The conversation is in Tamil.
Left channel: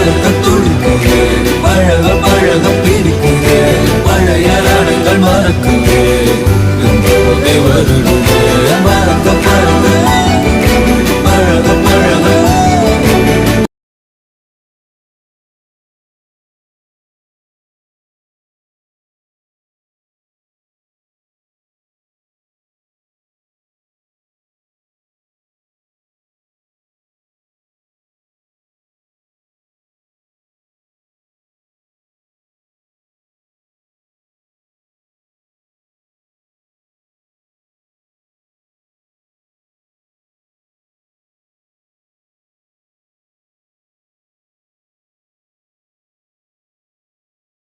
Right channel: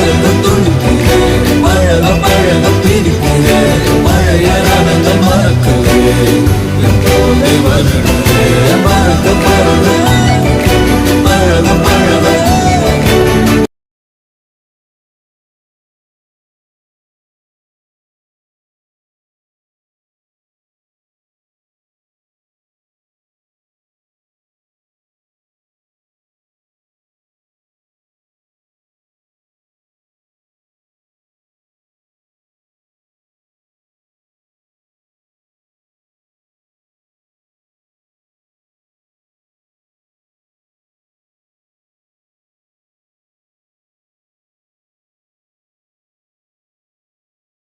கலக்க துடிக்குதே, பழக பழக பிடிக்குதே, பழைய ரணங்கள் மறக்குவே, என் போதை வருடு